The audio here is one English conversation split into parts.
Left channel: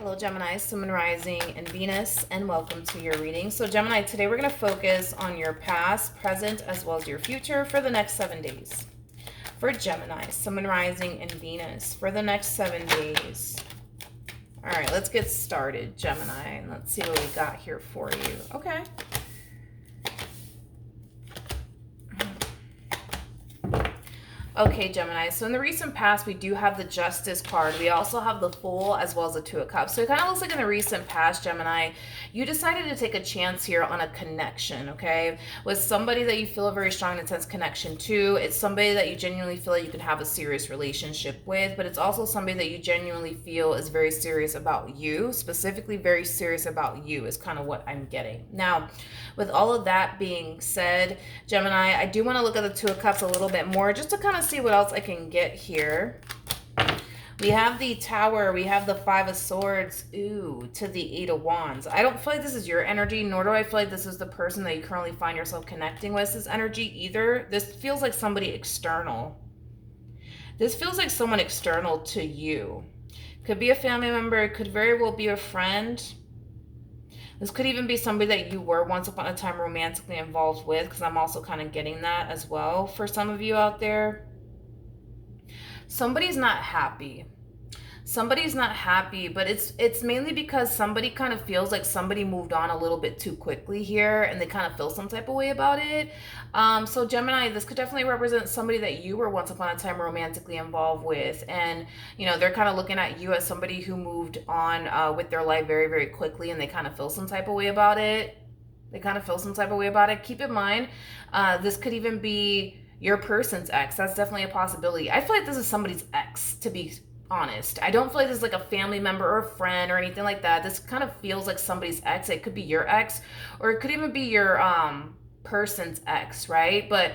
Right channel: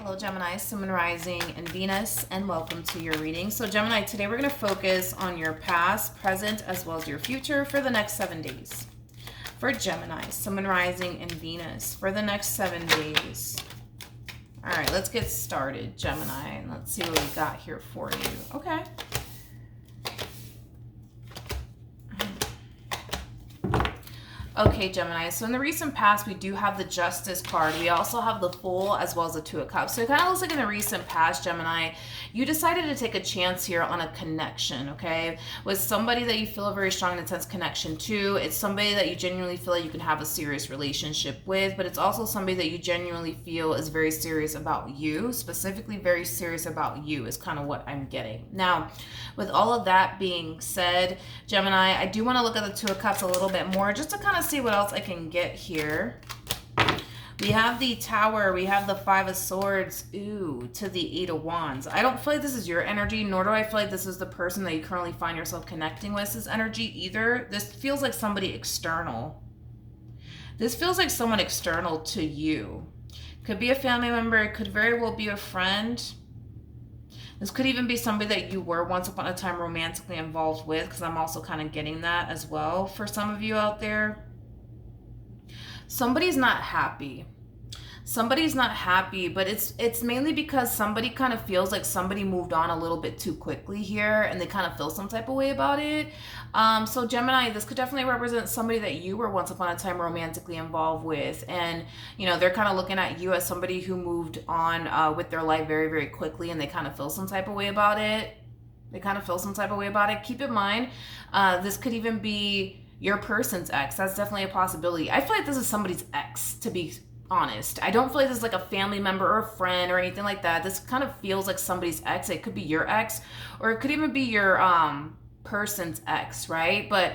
Hello Gemini, Sun, Moon, Rising, and Venus, and welcome to your reading. So Gemini, today we're going to focus on your past, present, as well as your future for the next 7 days. For Gemini, Sun, Moon, Rising, and Venus for the next 7 days. All right, let's get started, Gemini, and let's see what we got here for you. Okay. Okay, Gemini, so in the recent past, we do have the Justice card. We also have the Fool as well as the Two of Cups. So it kind of looks like in the recent past, Gemini, you decided to take a chance here on a connection, okay? With somebody that you feel a very strong and intense connection to. It's somebody that you genuinely feel like you can have a serious relationship with, but it's also somebody that you genuinely feel is very serious about you, specifically very serious about you is kind of what I'm getting. Now, with all of that being said, Gemini, I do want to look at the Two of Cups a little bit more just to kind of see what else I can get here. We have the Tower, we have the Five of Swords, to the Eight of Wands. I don't feel like this is your energy, nor do I feel like this is the person that you currently find yourself connecting with this energy either. This feels like somebody external. This feels like someone external to you. Could be a family member, it could very well be a friend. This could even be somebody that you were once upon a time romantically involved with, because I'm also kind of getting that as well for some of you out there. Somebody's not happy. Somebody's not happy, but it's mainly because somebody kind of feels like somebody moved on a little bit too quickly here, and they kind of feel some type of way about it. So Gemini, this could definitely represent somebody that you were once upon a time romantically involved with, and you know they're kind of looking at you as somebody who moved on with their life very, very quickly, and they kind of feel some type of way about it. Keep in mind, this could even be your person's ex. That's definitely a possibility. I feel like this is somebody's ex, to be honest. I don't feel like this is like a family member or a friend or anything like that. This kind of feels like somebody's ex. It could be your ex, or it could even be your person's ex, right? But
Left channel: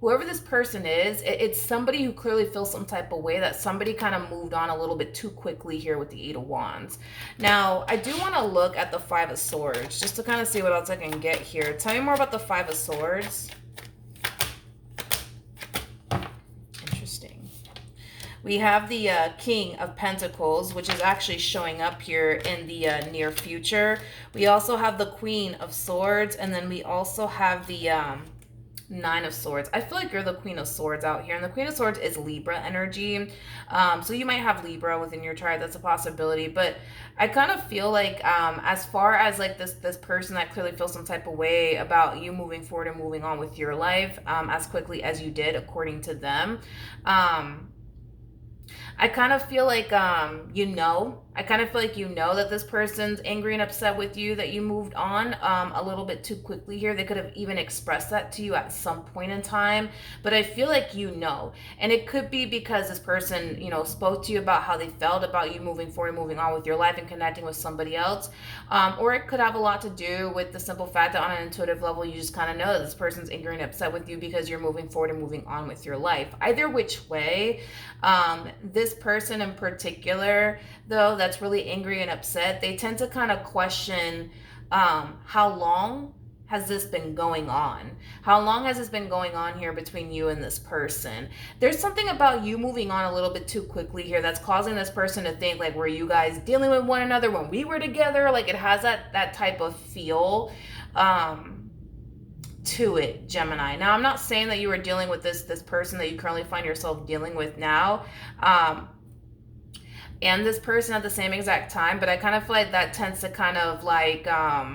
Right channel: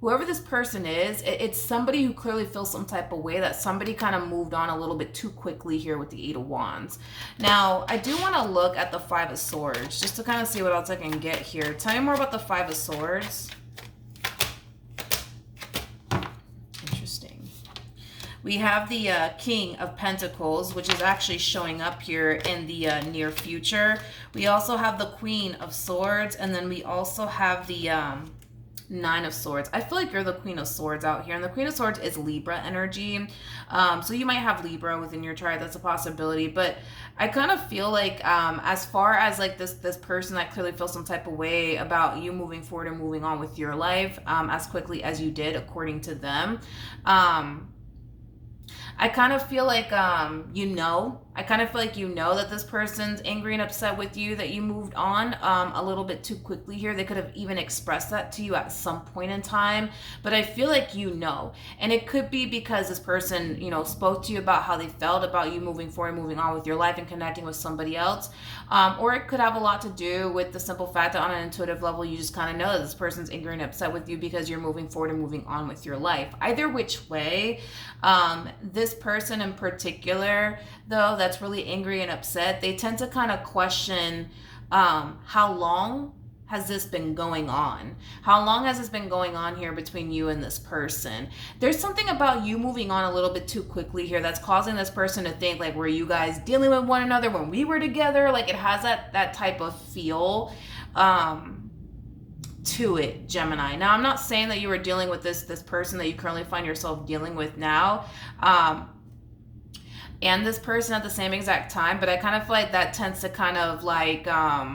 whoever this person is, it's somebody who clearly feels some type of way that somebody kind of moved on a little bit too quickly here with the Eight of Wands. Now, I do want to look at the Five of Swords just to kind of see what else I can get here. Tell me more about the Five of Swords. We have the King of Pentacles, which is actually showing up here in the near future. We also have the Queen of Swords, and then we also have the Nine of Swords. I feel like you're the Queen of Swords out here, and the Queen of Swords is Libra energy. So you might have Libra within your chart. That's a possibility, but I kind of feel like as far as like this person that clearly feels some type of way about you moving forward and moving on with your life as quickly as you did, according to them, I kind of feel like, I kind of feel like that this person's angry and upset with you that you moved on a little bit too quickly here. They could have even expressed that to you at some point in time, but I feel like and it could be because this person, spoke to you about how they felt about you moving forward, moving on with your life and connecting with somebody else, or it could have a lot to do with the simple fact that on an intuitive level, you just kind of know that this person's angry and upset with you because you're moving forward and moving on with your life. Either which way, this person in particular, though, that's really angry and upset, they tend to kind of question how long has this been going on? How long has this been going on here between you and this person? There's something about you moving on a little bit too quickly here that's causing this person to think like, were you guys dealing with one another when we were together? Like it has that type of feel to it, Gemini. Now, I'm not saying that you were dealing with this person that you currently find yourself dealing with now, and this person at the same exact time, but I kind of feel like that tends to kind of like, how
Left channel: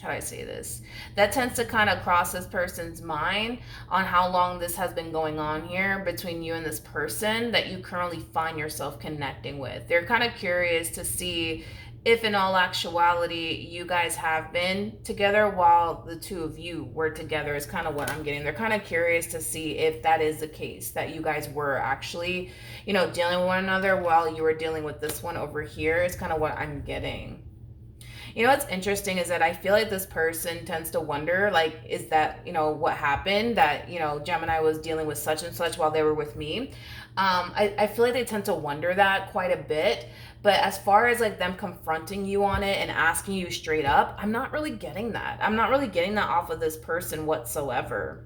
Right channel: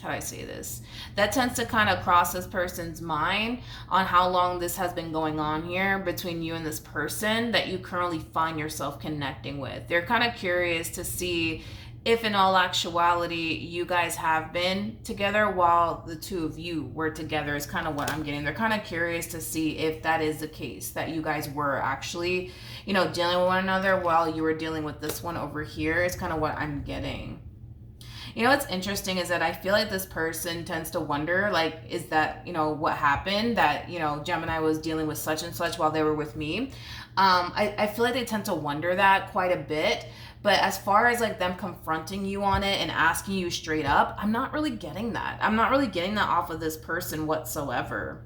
do I say this? That tends to kind of cross this person's mind on how long this has been going on here between you and this person that you currently find yourself connecting with. They're kind of curious to see if in all actuality you guys have been together while the two of you were together is kind of what I'm getting. They're kind of curious to see if that is the case, that you guys were actually, dealing with one another while you were dealing with this one over here is kind of what I'm getting. What's interesting is that I feel like this person tends to wonder, like, is that, what happened that, Gemini was dealing with such and such while they were with me. I feel like they tend to wonder that quite a bit. But as far as like them confronting you on it and asking you straight up, I'm not really getting that. I'm not really getting that off of this person whatsoever.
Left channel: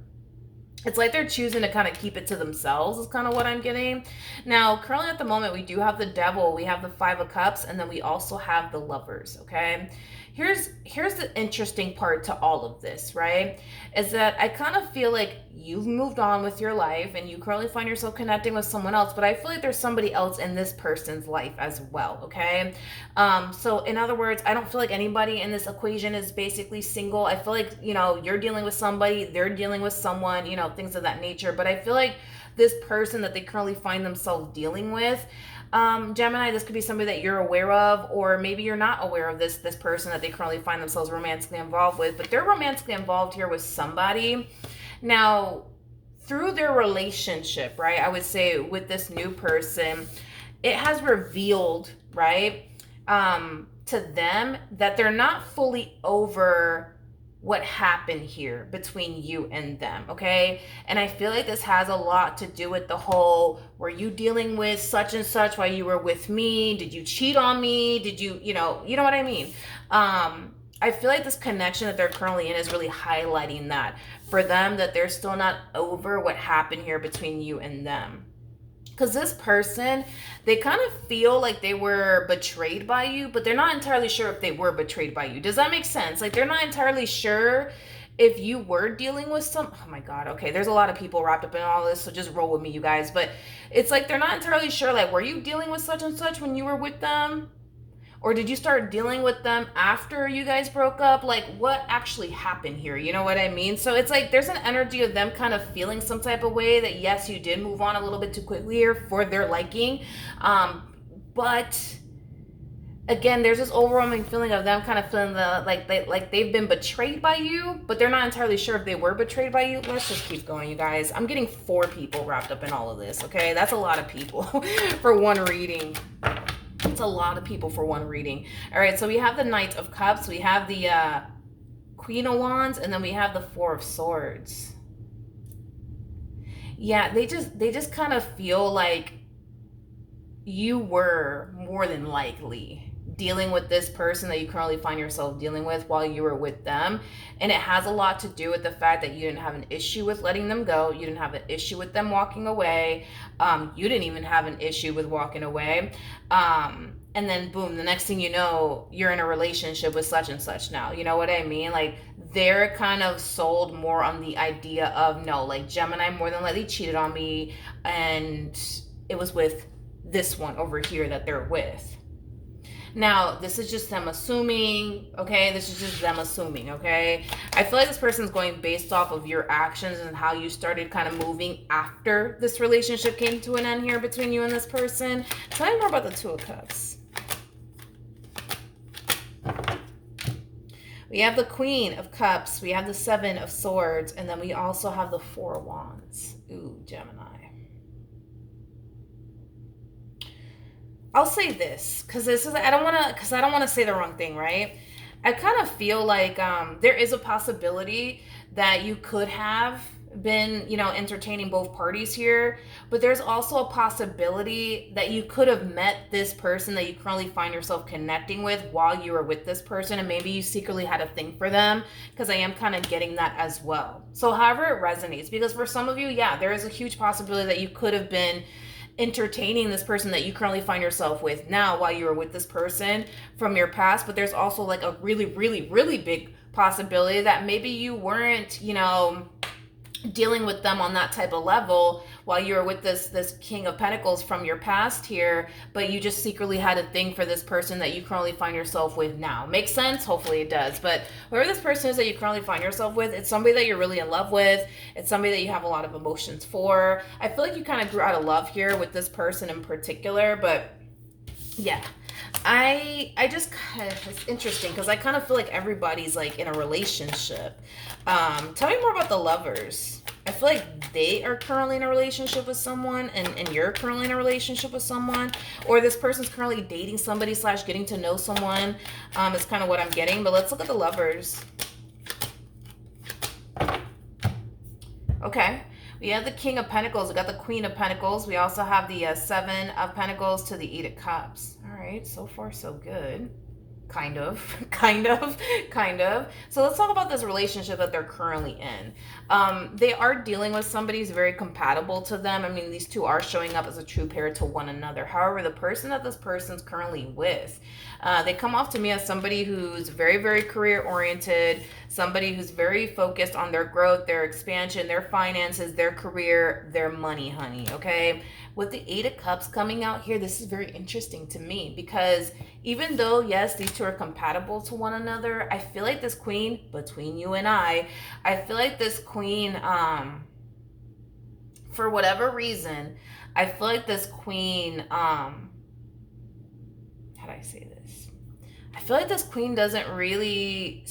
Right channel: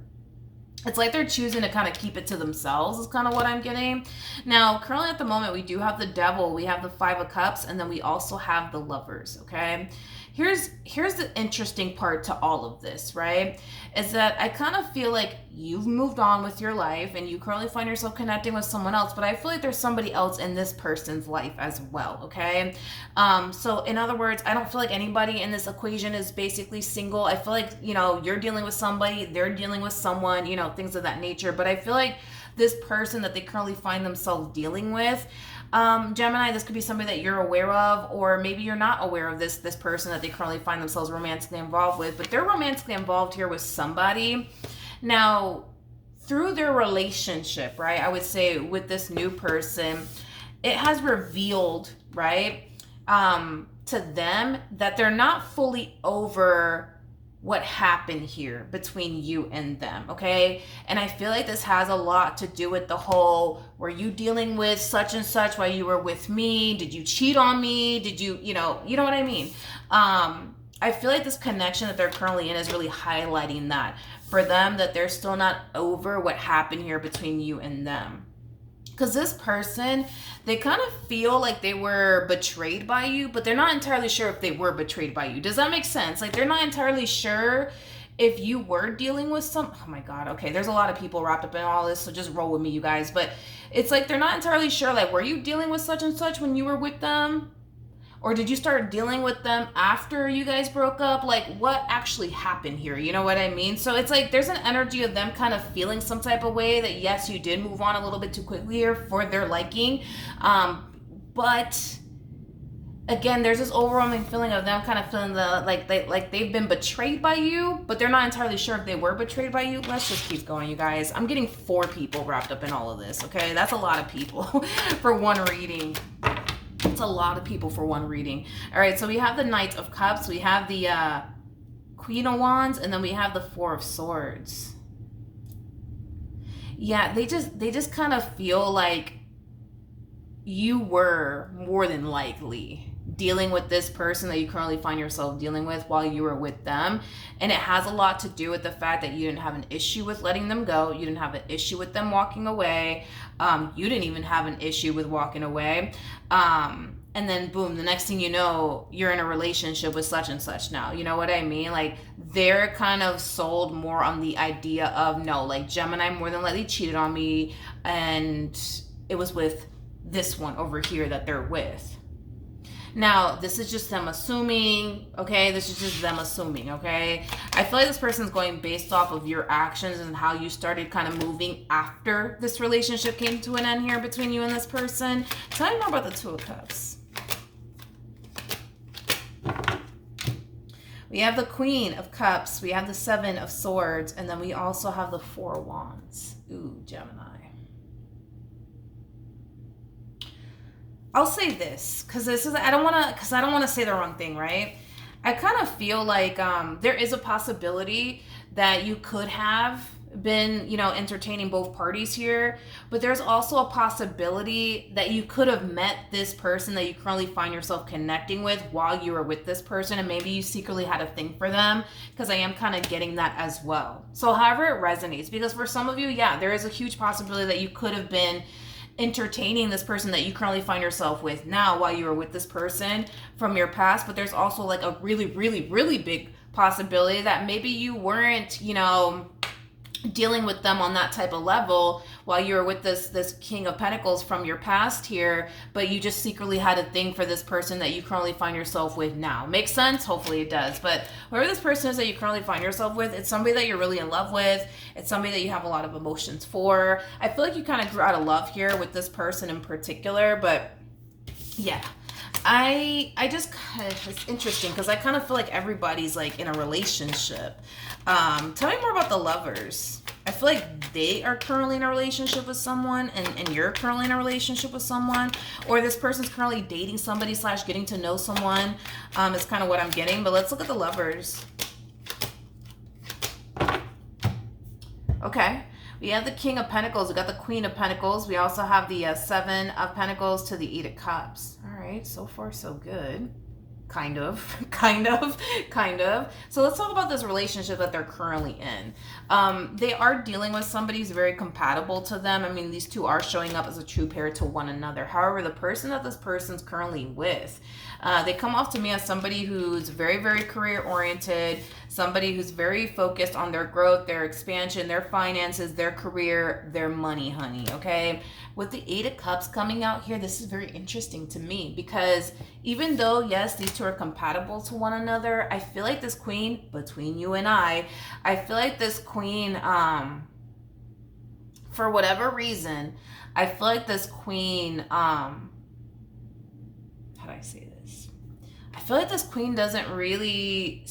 It's like they're choosing to kind of keep it to themselves is kind of what I'm getting. Now, currently at the moment, we do have the Devil, we have the Five of Cups, and then we also have the Lovers, okay? Here's the interesting part to all of this, right? Is that I kind of feel like you've moved on with your life and you currently find yourself connecting with someone else, but I feel like there's somebody else in this person's life as well, okay? So in other words, I don't feel like anybody in this equation is basically single. I feel like, you know, you're dealing with somebody, they're dealing with someone, you know, things of that nature. But I feel like this person that they currently find themselves dealing with, Gemini, this could be somebody that you're aware of, or maybe you're not aware of this person that they currently find themselves romantically involved with, but they're romantically involved here with somebody. Now, through their relationship, right, I would say with this new person, it has revealed, right, to them that they're not fully over what happened here between you and them, okay? And I feel like this has a lot to do with the whole, were you dealing with such and such while you were with me? Did you cheat on me? Did you know what I mean? I feel like this connection that they're currently in is really highlighting that for them, that they're still not over what happened here between you and them. Because this person, they kind of feel like they were betrayed by you, but they're not entirely sure if they were betrayed by you. Does that make sense? Like, they're not entirely sure if you were dealing with some... Oh my God, okay, there's a lot of people wrapped up in all this, so just roll with me, you guys. But it's like they're not entirely sure, like, were you dealing with such and such when you were with them? Or did you start dealing with them after you guys broke up? Like, what actually happened here? You know what I mean? So it's like there's an energy of them kind of feeling some type of way that, yes, you did move on a little bit too quickly here for their liking. But again, there's this overwhelming feeling of them kind of feeling like they've been betrayed by you, but they're not entirely sure if they were betrayed by you. Let's just keep going, you guys. I'm getting 4 people wrapped up in all of this, okay? That's a lot of people for one reading. It's a lot of people for one reading. All right, so we have the Knight of Cups, we have the Queen of Wands, and then we have the Four of Swords. Yeah, they just kind of feel like you were more than likely dealing with this person that you currently find yourself dealing with while you were with them. And it has a lot to do with the fact that you didn't have an issue with letting them go. You didn't have an issue with them walking away. You didn't even have an issue with walking away. And then boom, the next thing you know, you're in a relationship with such and such now. You know what I mean? Like, they're kind of sold more on the idea of, no, like, Gemini more than likely cheated on me, and it was with this one over here that they're with. Now, this is just them assuming, okay? This is just them assuming, okay? I feel like this person's going based off of your actions and how you started kind of moving after this relationship came to an end here between you and this person. Tell me more about the Two of Cups. We have the Queen of Cups, we have the Seven of Swords, and then we also have the Four of Wands. Ooh, Gemini. I'll say this, because I don't want to say the wrong thing, right? I kind of feel like there is a possibility that you could have been, you know, entertaining both parties here, but there's also a possibility that you could have met this person that you currently find yourself connecting with while you were with this person, and maybe you secretly had a thing for them, because I am kind of getting that as well. So however it resonates, because for some of you, yeah, there is a huge possibility that you could have been entertaining this person that you currently find yourself with now while you were with this person from your past. But there's also like a really, really, really big possibility that maybe you weren't, you know, dealing with them on that type of level while you were with this King of Pentacles from your past here, but you just secretly had a thing for this person that you currently find yourself with now. Makes sense? Hopefully it does. But whoever this person is that you currently find yourself with, it's somebody that you're really in love with. It's somebody that you have a lot of emotions for. I feel like you kind of grew out of love here with this person in particular, but yeah. I just kind of, it's interesting because I kind of feel like everybody's like in a relationship. Tell me more about the Lovers. I feel like they are currently in a relationship with someone, and you're currently in a relationship with someone, or this person's currently dating somebody / getting to know someone. Is kind of what I'm getting. But let's look at the Lovers. Okay. We have the King of Pentacles. We got the Queen of Pentacles. We also have the Seven of Pentacles to the Eight of Cups. All right, so far so good. Kind of. kind of, kind of. So let's talk about this relationship that they're currently in. They are dealing with somebody who's very compatible to them. I mean, these two are showing up as a true pair to one another. However, the person that this person's currently with, they come off to me as somebody who's very, very career oriented, somebody who's very focused on their growth, their expansion, their finances, their career, their money, honey, okay? With the Eight of Cups coming out here, this is very interesting to me because even though, yes, these two are compatible to one another, I feel like this queen, between you and I feel like this queen, for whatever reason, I feel like this queen, how do I say this? I feel like this queen doesn't really...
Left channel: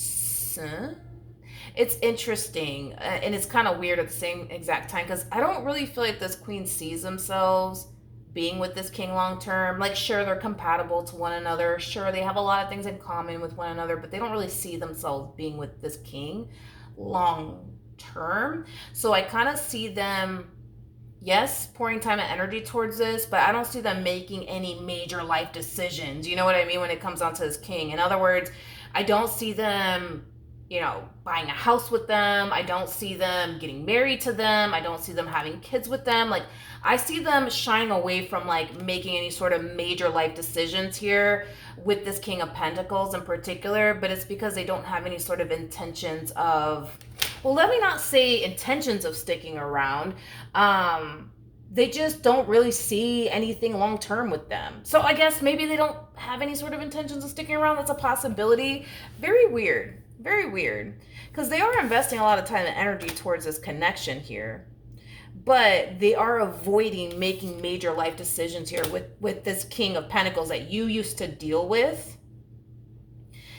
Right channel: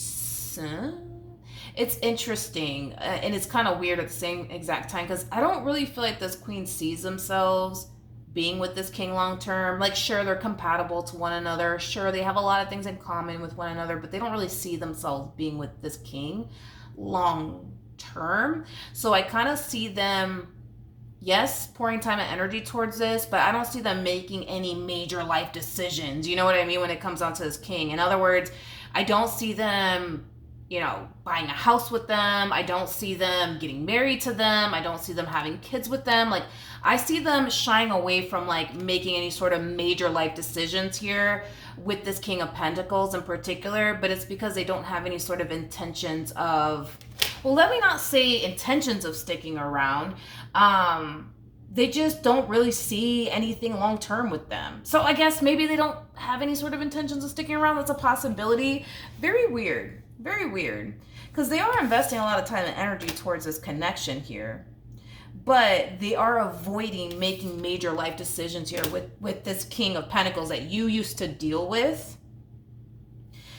It's interesting, and it's kind of weird at the same exact time because I don't really feel like this queen sees themselves being with this king long term. Like, sure, they're compatible to one another. Sure, they have a lot of things in common with one another, but they don't really see themselves being with this king long term. So I kind of see them, yes, pouring time and energy towards this, but I don't see them making any major life decisions. You know what I mean? When it comes down to this king. In other words, I don't see them, buying a house with them. I don't see them getting married to them. I don't see them having kids with them. Like, I see them shying away from like making any sort of major life decisions here with this King of Pentacles in particular, but it's because they don't have any sort of intentions of, well, let me not say intentions of sticking around. They just don't really see anything long term with them. So I guess maybe they don't have any sort of intentions of sticking around. That's a possibility. Very weird. Very weird. Because they are investing a lot of time and energy towards this connection here. But they are avoiding making major life decisions here with this King of Pentacles that you used to deal with.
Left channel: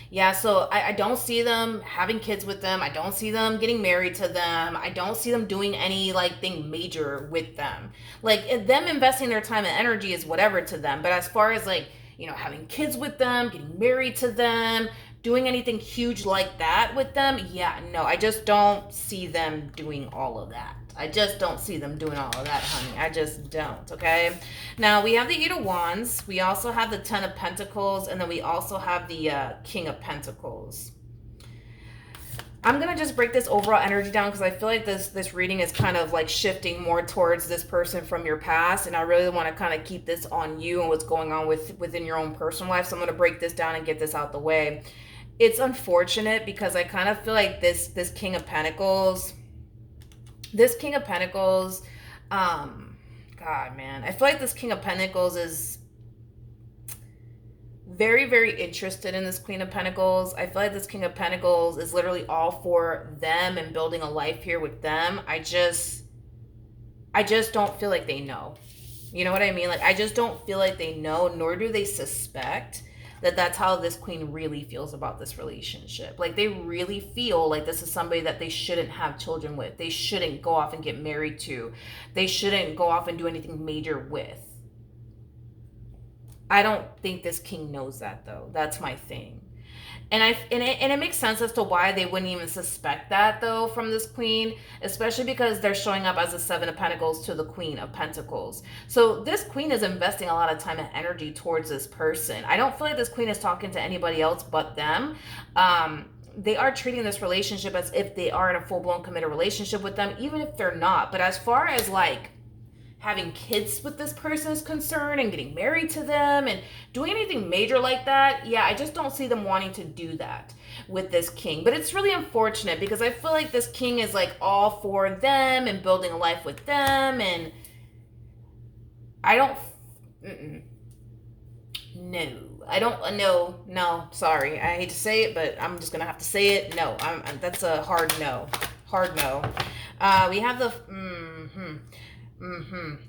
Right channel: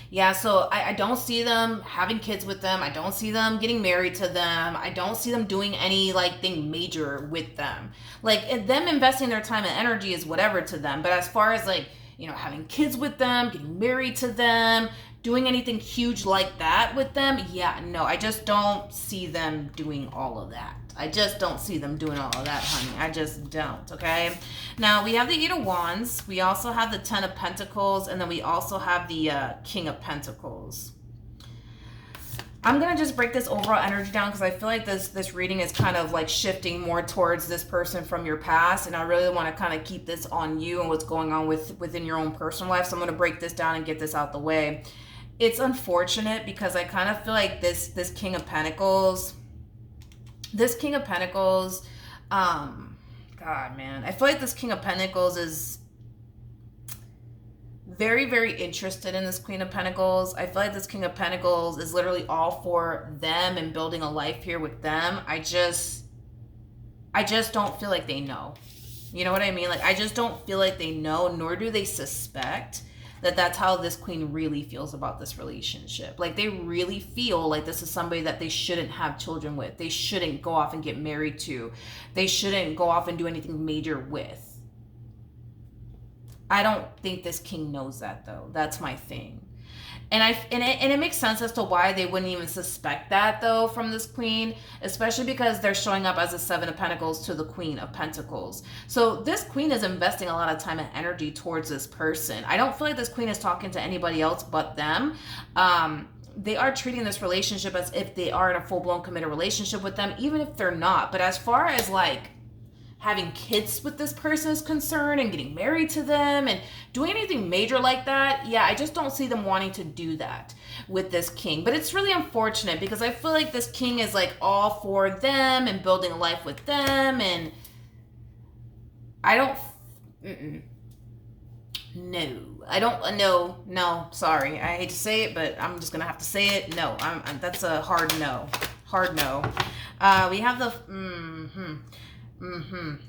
Yeah, so I don't see them having kids with them. I don't see them getting married to them. I don't see them doing any like thing major with them. Like, them investing their time and energy is whatever to them. But as far as like, having kids with them, getting married to them, doing anything huge like that with them, yeah, no, I just don't see them doing all of that. I just don't see them doing all of that, honey. I just don't, okay? Now, we have the Eight of Wands. We also have the Ten of Pentacles. And then we also have the King of Pentacles. I'm going to just break this overall energy down because I feel like this reading is kind of like shifting more towards this person from your past. And I really want to kind of keep this on you and what's going on within your own personal life. So I'm going to break this down and get this out the way. It's unfortunate because I kind of feel like this King of Pentacles... This King of Pentacles, God, man. I feel like this King of Pentacles is very, very interested in this Queen of Pentacles. I feel like this King of Pentacles is literally all for them and building a life here with them. I just don't feel like they know. You know what I mean? Like, I just don't feel like they know, nor do they suspect that that's how this queen really feels about this relationship. Like, they really feel like this is somebody that they shouldn't have children with. They shouldn't go off and get married to. They shouldn't go off and do anything major with. I don't think this king knows that, though. That's my thing. And it makes sense as to why they wouldn't even suspect that, though, from this queen, especially because they're showing up as a Seven of Pentacles to the Queen of Pentacles. So this queen is investing a lot of time and energy towards this person. I don't feel like this queen is talking to anybody else but them. They are treating this relationship as if they are in a full-blown committed relationship with them, even if they're not. But as far as, like, having kids with this person is concerned and getting married to them and doing anything major like that, yeah, I just don't see them wanting to do that with this king. But it's really unfortunate because I feel like this king is like all for them and building a life with them, and I don't, no, sorry. I hate to say it, but I'm just gonna have to say it. No, that's a hard no. We have the,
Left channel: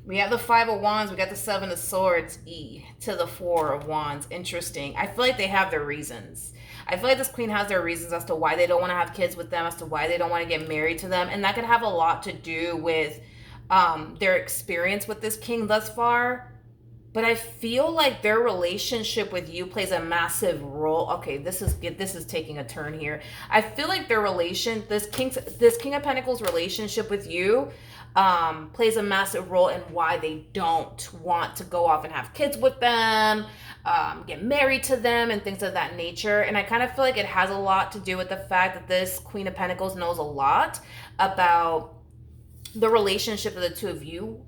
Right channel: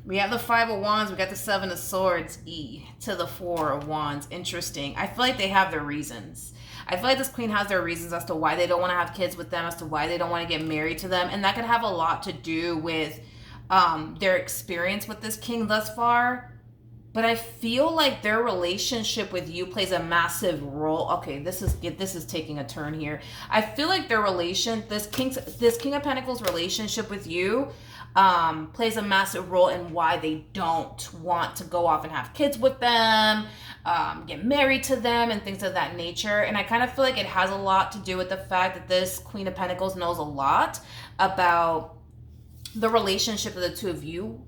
we have the Five of Wands. We got the Seven of Swords to the Four of Wands. Interesting. I feel like they have their reasons. I feel like this queen has their reasons as to why they don't want to have kids with them, as to why they don't want to get married to them. And that could have a lot to do with their experience with this king thus far. But I feel like their relationship with you plays a massive role. Okay, this is taking a turn here. I feel like this King of Pentacles relationship with you plays a massive role in why they don't want to go off and have kids with them, get married to them, and things of that nature. And I kind of feel like it has a lot to do with the fact that this Queen of Pentacles knows a lot about the relationship that the two of you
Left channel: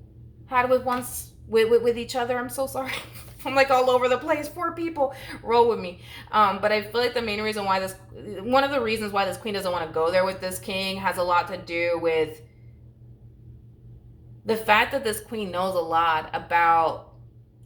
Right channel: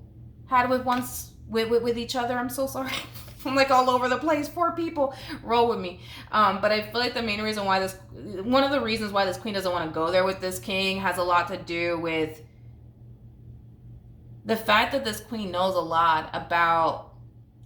had with each other. I'm so sorry. I'm like all over the place. 4 people, roll with me. But I feel like the main reason why one of the reasons why this queen doesn't want to go there with this king has a lot to do with the fact that this queen knows a lot about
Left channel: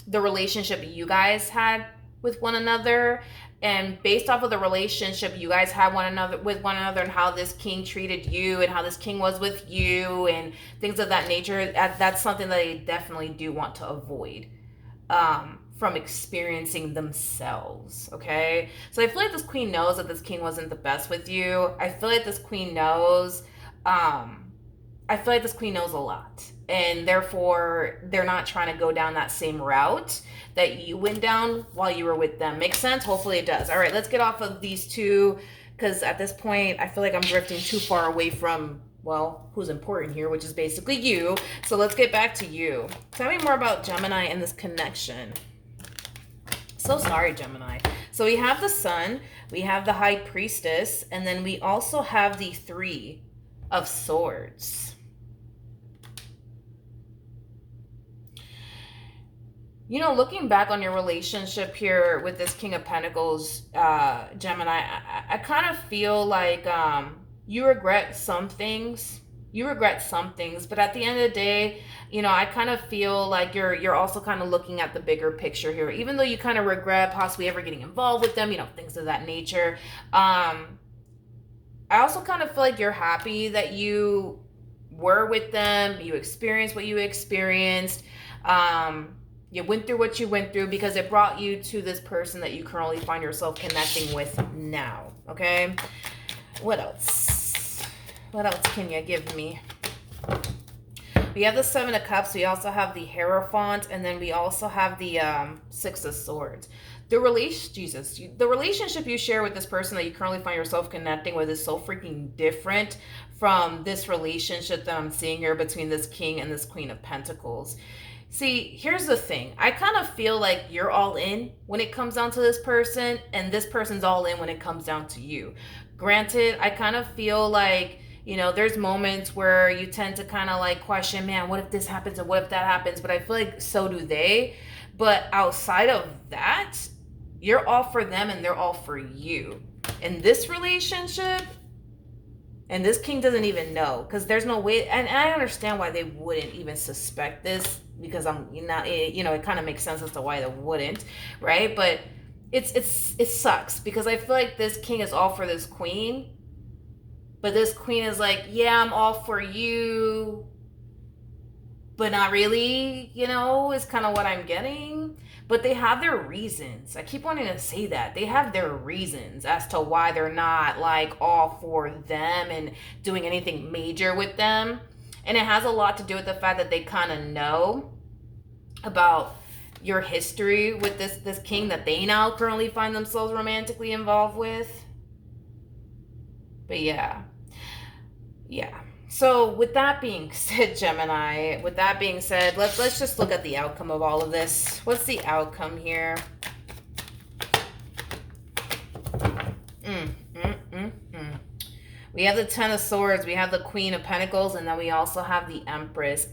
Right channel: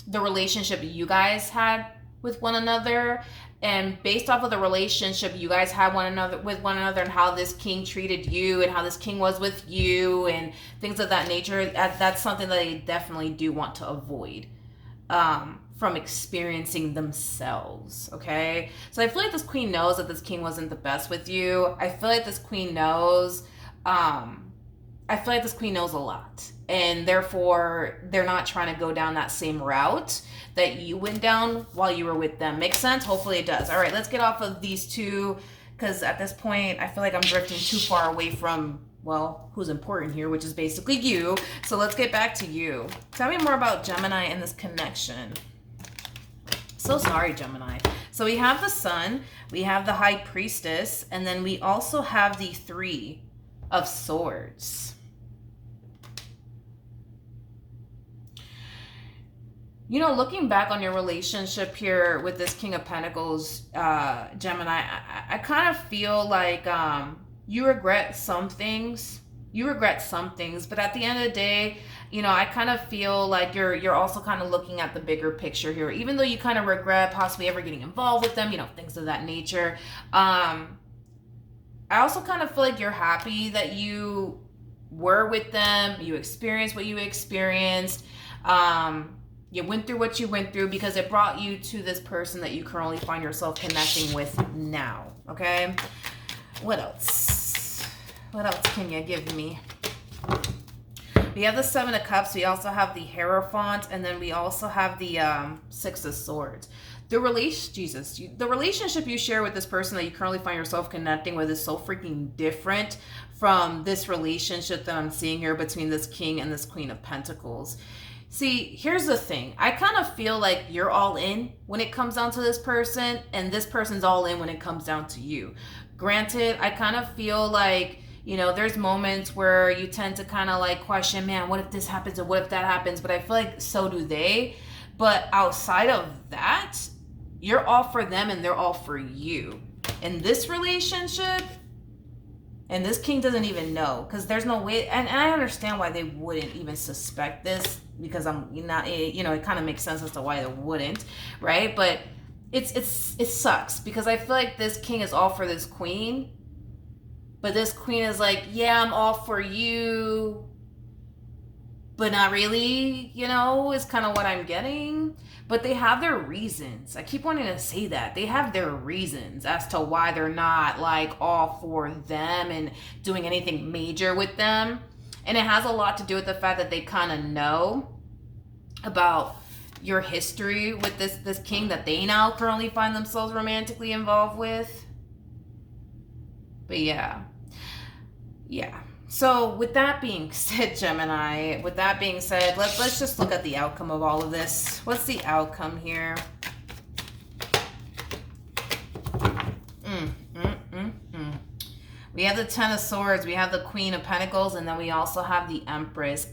the relationship you guys had with one another, and based off of the relationship you guys had with one another and how this king treated you and how this king was with you and things of that nature, that's something that they definitely do want to avoid from experiencing themselves. Okay, so I feel like this queen knows that this king wasn't the best with you. I feel like this queen knows a lot, and therefore they're not trying to go down that same route that you went down while you were with them. Make sense? Hopefully it does. All right, let's get off of these two, because at this point I feel like I'm drifting too far away from, well, who's important here, which is basically you. So let's get back to you. Tell me more about Gemini and this connection. So sorry, Gemini. So we have the Sun, we have the High Priestess, and then we also have the 3 of Swords. You know, looking back on your relationship here with this King of Pentacles, Gemini, I kind of feel like you regret some things. But at the end of the day, you know, I kind of feel like you're also kind of looking at the bigger picture here. Even though you kind of regret possibly ever getting involved with them, you know, things of that nature. I also kind of feel like you're happy that you were with them, you experienced what you experienced. You went through what you went through because it brought you to this person that you currently find yourself connecting with now. Okay, what else? What else can you give me? We have the 7 of Cups. We also have the Hierophant, and then we also have the 6 of Swords. The relationship you share with this person that you currently find yourself connecting with is so freaking different from this relationship that I'm seeing here between this King and this Queen of Pentacles. See, here's the thing. I kind of feel like you're all in when it comes down to this person, and this person's all in when it comes down to you. Granted, I kind of feel like, you know, there's moments where you tend to kind of like question, man, what if this happens or what if that happens? But I feel like so do they. But outside of that, you're all for them and they're all for you. In this relationship, and this king doesn't even know, because there's no way, and I understand why they wouldn't even suspect this, because it kind of makes sense as to why they wouldn't, right? But it sucks, because I feel like this king is all for this queen, but this queen is like, yeah, I'm all for you, but not really, you know, is kind of what I'm getting. But they have their reasons. I keep wanting to say that. They have their reasons as to why they're not like all for them and doing anything major with them. And it has a lot to do with the fact that they kind of know about your history with this king that they now currently find themselves romantically involved with. But yeah. So with that being said, Gemini, let's just look at the outcome of all of this. What's the outcome here? We have the 10 of Swords, we have the Queen of Pentacles, and then we also have the Empress.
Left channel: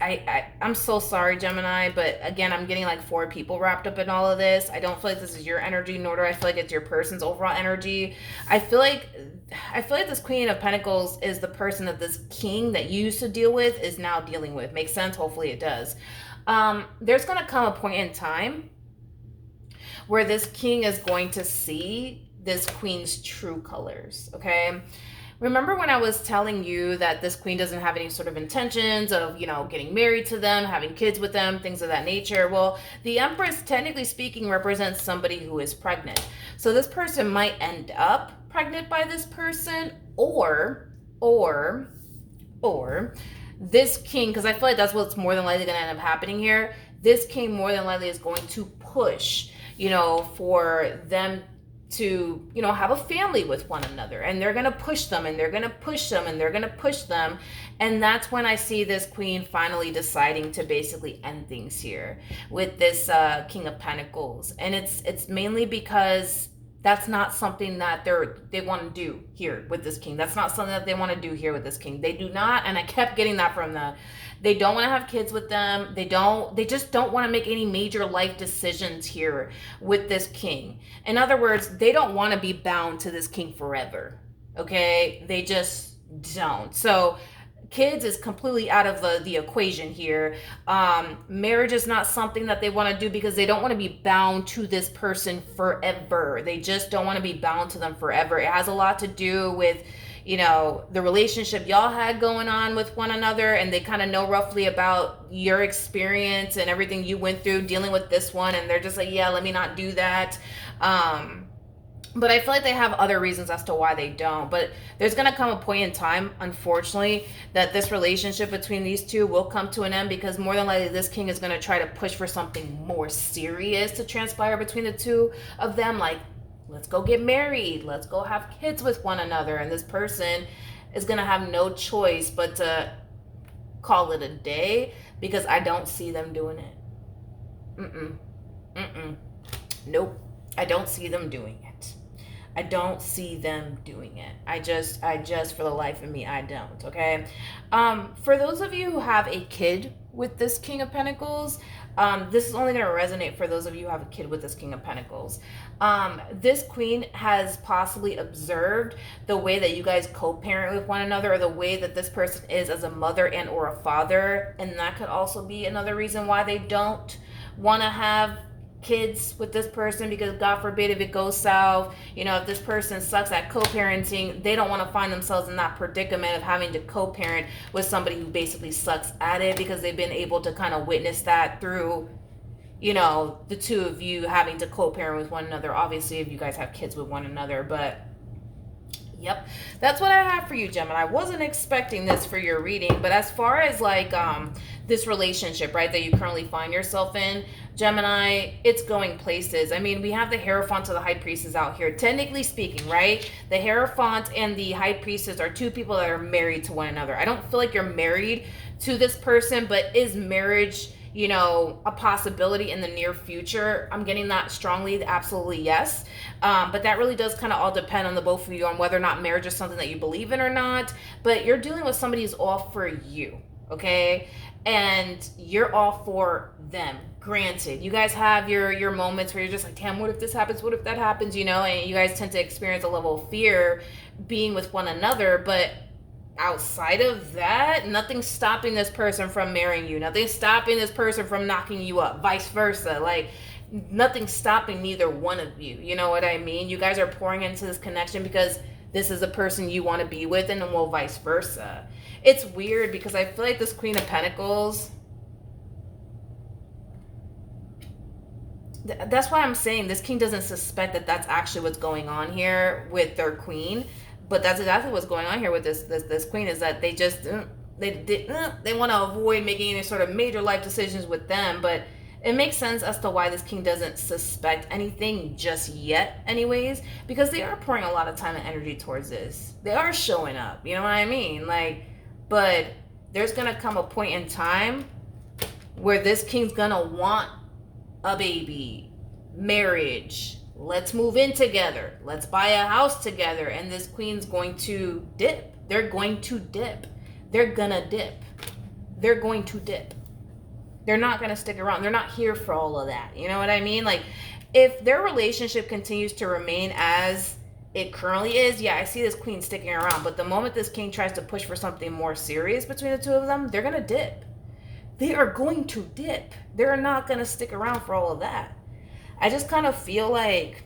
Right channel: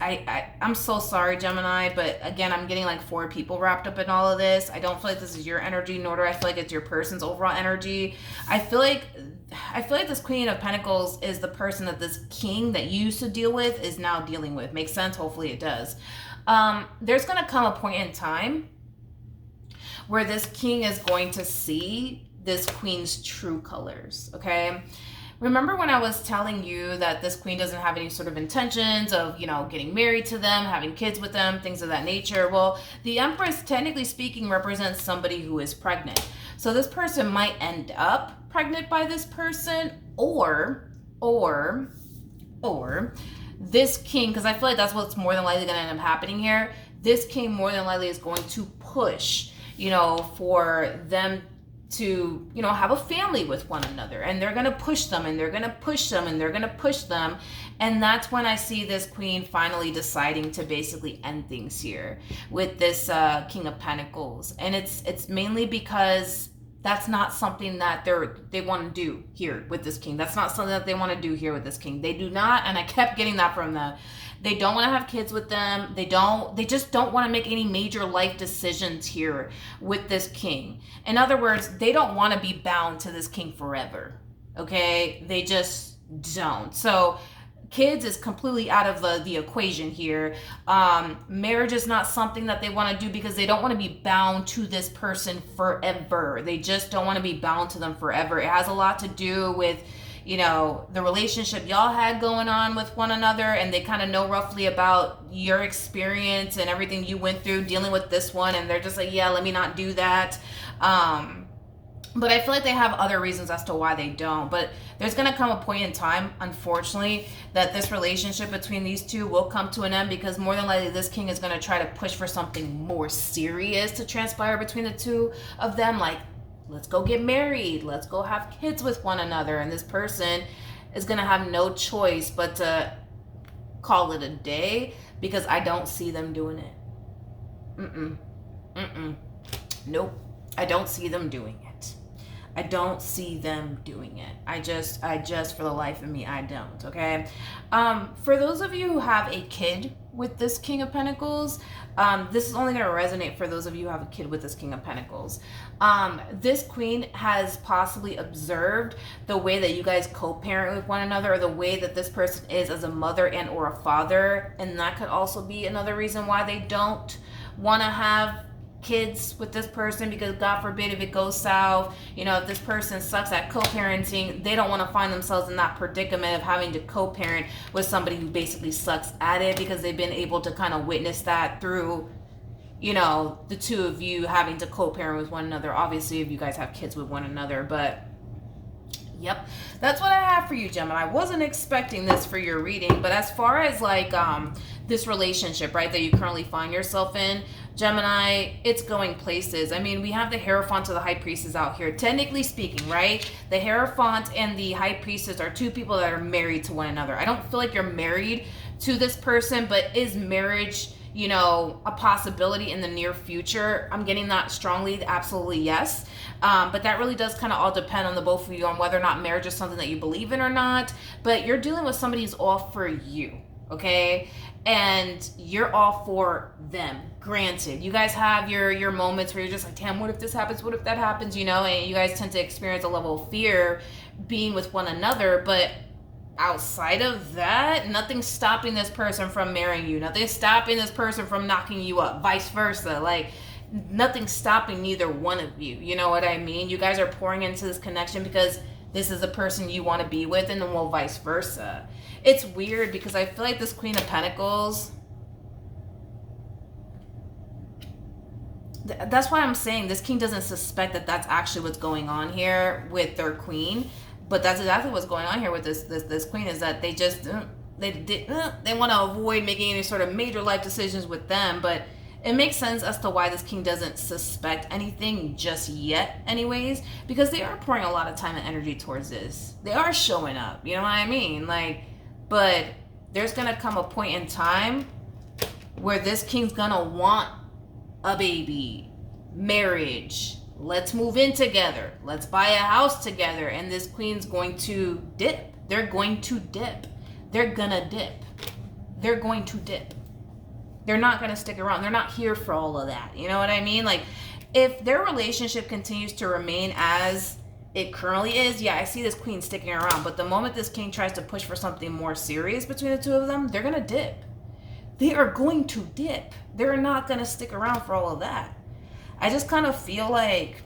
I'm so sorry, Gemini, but again, I'm getting like 4 people wrapped up in all of this. I don't feel like this is your energy, nor do I feel like it's your person's overall energy. I feel like this Queen of Pentacles is the person that this king that you used to deal with is now dealing with. Makes sense? Hopefully it does. There's going to come a point in time where this king is going to see this queen's true colors, okay? Remember when I was telling you that this queen doesn't have any sort of intentions of, you know, getting married to them, having kids with them, things of that nature? Well, the Empress, technically speaking, represents somebody who is pregnant. So this person might end up pregnant by this person, or this king, because I feel like that's what's more than likely going to end up happening here. This king more than likely is going to push, you know, for them to, you know, have a family with one another, and they're going to push them, and they're going to push them, and they're going to push them. And that's when I see this queen finally deciding to basically end things here with this King of Pentacles. And it's mainly because that's not something that they want to do here with this king. That's not something that they want to do here with this king. They do not, and I kept getting that from them. They don't want to have kids with them. They just don't want to make any major life decisions here with this king. In other words, they don't want to be bound to this king forever. Okay? They just don't. So kids is completely out of the equation here. Marriage is not something that they want to do because they don't want to be bound to this person forever. They just don't want to be bound to them forever. It has a lot to do with, you know, the relationship y'all had going on with one another, and they kind of know roughly about your experience and everything you went through dealing with this one, and they're just like, yeah, let me not do that. But I feel like they have other reasons as to why they don't. But there's going to come a point in time, unfortunately, that this relationship between these two will come to an end, because more than likely this king is going to try to push for something more serious to transpire between the two of them. Like, let's go get married. Let's go have kids with one another. And this person is going to have no choice but to call it a day, because I don't see them doing it. Nope. I don't see them doing it. I don't see them doing it. I just, for the life of me, I don't, okay? For those of you who have a kid with this King of Pentacles, this is only going to resonate for those of you who have a kid with this King of Pentacles. This queen has possibly observed the way that you guys co-parent with one another, or the way that this person is as a mother and or a father. And that could also be another reason why they don't want to have kids with this person, because God forbid if it goes south, you know, if this person sucks at co-parenting, they don't want to find themselves in that predicament of having to co-parent with somebody who basically sucks at it, because they've been able to kind of witness that through, you know, the two of you having to co-parent with one another. Obviously, if you guys have kids with one another, but yep, that's what I have for you, Gemini. I wasn't expecting this for your reading, but as far as like this relationship, right, that you currently find yourself in, Gemini, it's going places. I mean, we have the Hierophant of the High Priestess out here. Technically speaking, right, the Hierophant and the High Priestess are two people that are married to one another. I don't feel like you're married to this person, but is marriage, you know, a possibility in the near future? I'm getting that strongly, absolutely yes. But that really does kind of all depend on the both of you, on whether or not marriage is something that you believe in or not. But you're dealing with somebody who's all for you, okay? And you're all for them. Granted, you guys have your moments where you're just like, damn, what if this happens? What if that happens? You know, and you guys tend to experience a level of fear being with one another. But outside of that, nothing's stopping this person from marrying you. Nothing's stopping this person from knocking you up, vice versa. Like, nothing's stopping neither one of you. You know what I mean? You guys are pouring into this connection because this is the person you want to be with, and then well, vice versa. It's weird because I feel like this Queen of Pentacles, that's why I'm saying this king doesn't suspect that that's actually what's going on here with their queen. But that's exactly what's going on here with this queen, is that they just they want to avoid making any sort of major life decisions with them. But it makes sense as to why this king doesn't suspect anything just yet anyways, because they are pouring a lot of time and energy towards this. They are showing up, you know what I mean? Like, but there's gonna come a point in time where this king's gonna want a baby, marriage, let's move in together, let's buy a house together, and this queen's going to dip. They're going to dip. They're gonna dip. They're going to dip. They're not gonna stick around. They're not here for all of that. You know what I mean? Like, if their relationship continues to remain as it currently is, yeah, I see this queen sticking around. But the moment this king tries to push for something more serious between the two of them, they're gonna dip. They are going to dip. They're not going to stick around for all of that. I just kind of feel like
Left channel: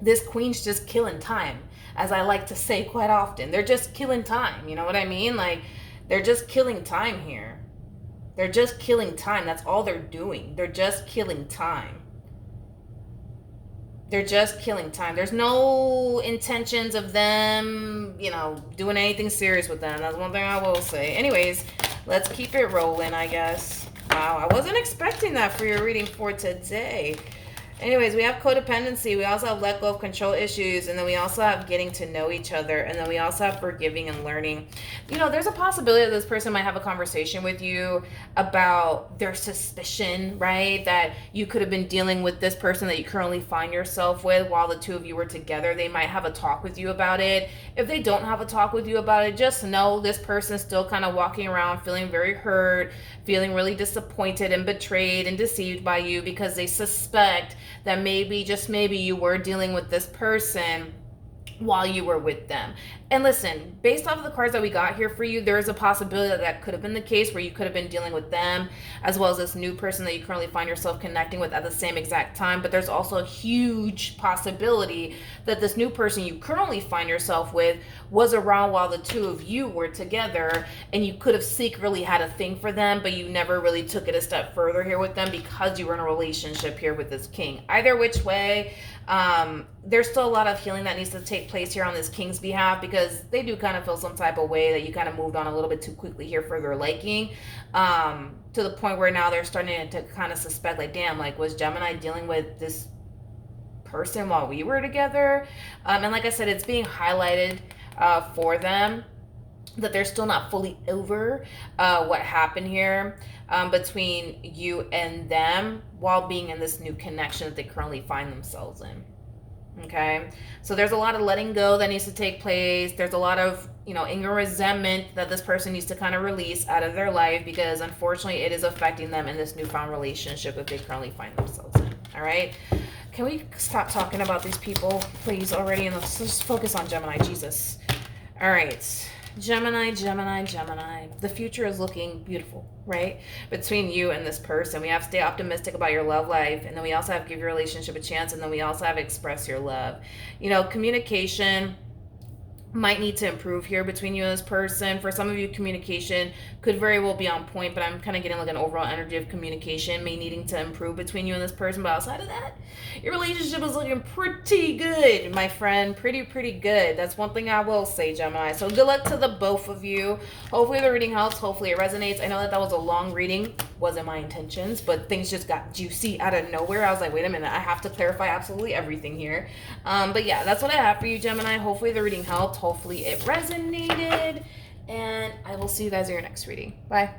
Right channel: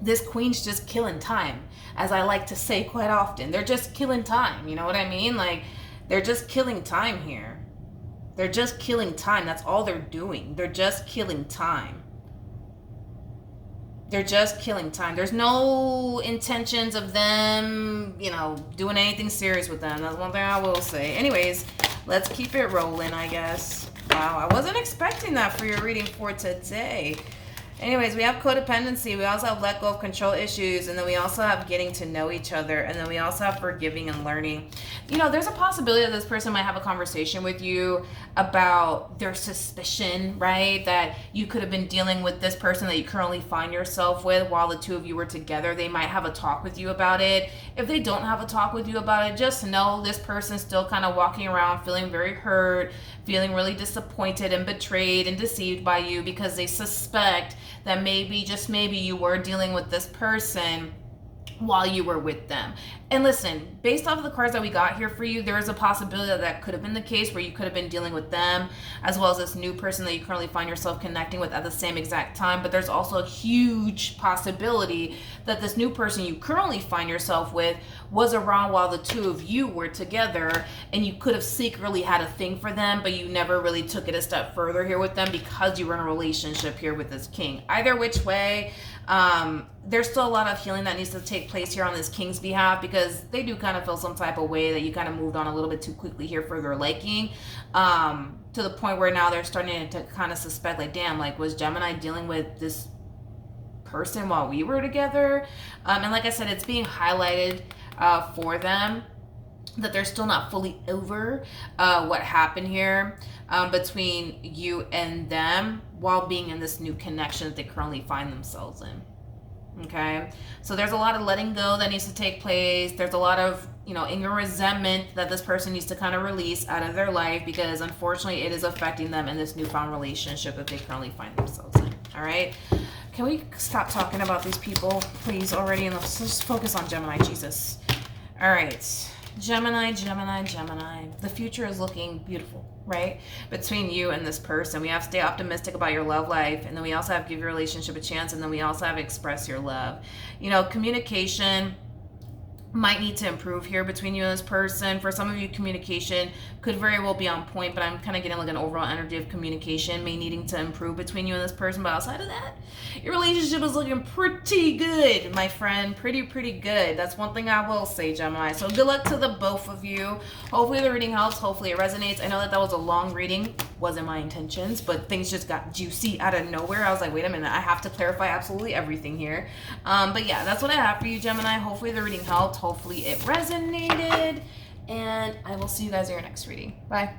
this queen's just killing time, as I like to say quite often. They're just killing time. You know what I mean? Like, they're just killing time here. They're just killing time. That's all they're doing. They're just killing time. They're just killing time. There's no intentions of them, you know, doing anything serious with them. That's one thing I will say. Anyways, let's keep it rolling, I guess. Wow, I wasn't expecting that for your reading for today. Anyways, we have codependency. We also have let go of control issues. And then we also have getting to know each other. And then we also have forgiving and learning. You know, there's a possibility that this person might have a conversation with you about their suspicion, right? That you could have been dealing with this person that you currently find yourself with while the two of you were together. They might have a talk with you about it. If they don't have a talk with you about it, just know this person's still kind of walking around feeling very hurt, feeling really disappointed and betrayed and deceived by you because they suspect that maybe, just maybe, you were dealing with this person while you were with them. And listen, based off of the cards that we got here for you, there is a possibility that that could have been the case, where you could have been dealing with them as well as this new person that you currently find yourself connecting with at the same exact time. But there's also a huge possibility that this new person you currently find yourself with was around while the two of you were together, and you could have secretly had a thing for them, but you never really took it a step further here with them because you were in a relationship here with this king. Either which way, there's still a lot of healing that needs to take place here on this king's behalf, because they do kind of feel some type of way that you kind of moved on a little bit too quickly here for their liking, to the point where now they're starting to kind of suspect, like, damn, like, was Gemini dealing with this person while we were together? And like I said, it's being highlighted for them that they're still not fully over what happened here between you and them while being in this new connection that they currently find themselves in. Okay, so there's a lot of letting go that needs to take place. There's a lot of, anger, resentment that this person needs to kind of release out of their life, because unfortunately it is affecting them in this newfound relationship that they currently find themselves in. All right, can we stop talking about these people, please, already, and let's just focus on Gemini? Jesus. All right, Gemini. The future is looking beautiful, right? Between you and this person. We have stay optimistic about your love life, and then we also have give your relationship a chance, and then we also have express your love. Communication might need to improve here between you and this person. For some of you, communication could very well be on point, but I'm kind of getting like an overall energy of communication may needing to improve between you and this person. But outside of that, your relationship is looking pretty good, my friend. Pretty good. That's one thing I will say, Gemini. So good luck to the both of you. Hopefully the reading helps. Hopefully it resonates. I know that was a long reading. Wasn't my intentions, but things just got juicy out of nowhere. I was like, wait a minute, I have to clarify absolutely everything here. But yeah, that's what I have for you, Gemini. Hopefully the reading helped. Hopefully it resonated. And I will see you guys in your next reading. Bye.